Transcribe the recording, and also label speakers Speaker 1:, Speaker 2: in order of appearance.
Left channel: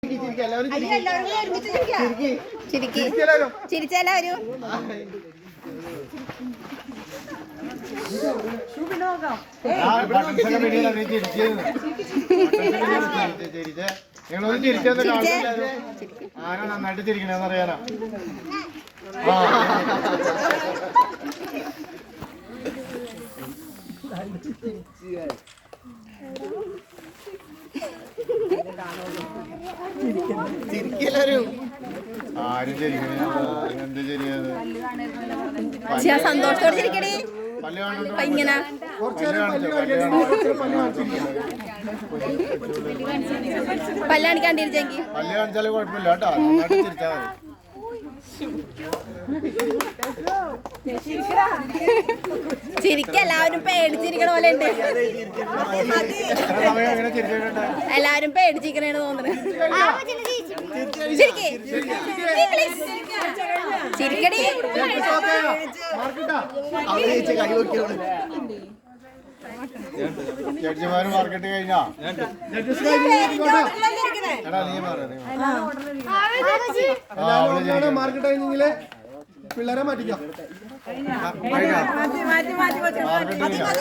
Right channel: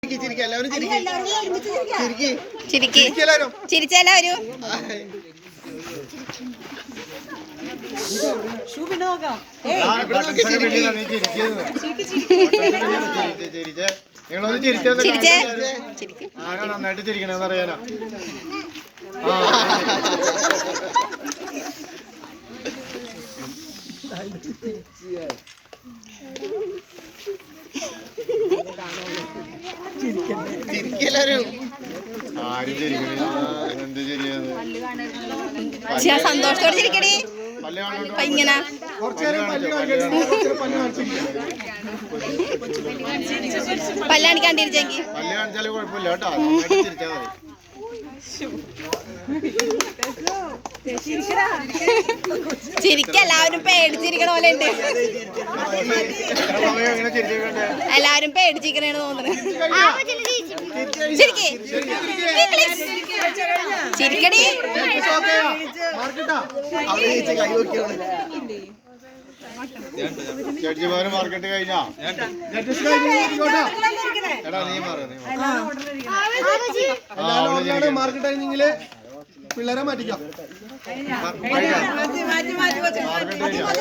Speaker 1: ചിരിച്ചെല്ലാവരും
Speaker 2: ആരോ നന്നായിട്ട് ചിരിക്കണെന്ന് അറിയാനോ? ആരും എന്ത് ശരിയത്
Speaker 1: സന്തോഷത്തോടെ ചിരിക്കണേ. ഇങ്ങനെ പല്ലാണിക്കാൻ തിരിച്ചെങ്കിൽ
Speaker 2: പല്ല് കാണിച്ചാലും കുഴപ്പമില്ല കേട്ടോ. ചിരിച്ചാൽ മതി.
Speaker 1: എല്ലാവരും പേടിച്ചിരിക്കണ പോലെ ഉണ്ട്. എല്ലാവരും പേടിച്ചിരിക്കണേന്ന് തോന്നുന്നു. ചിരിക്കടി.
Speaker 2: ജഡ്ജിമാര് മാർക്കറ്റ് കഴിഞ്ഞാ മാർക്കറ്റ് കഴിഞ്ഞെങ്കില് പിള്ളേരെ മാറ്റിക്കോ.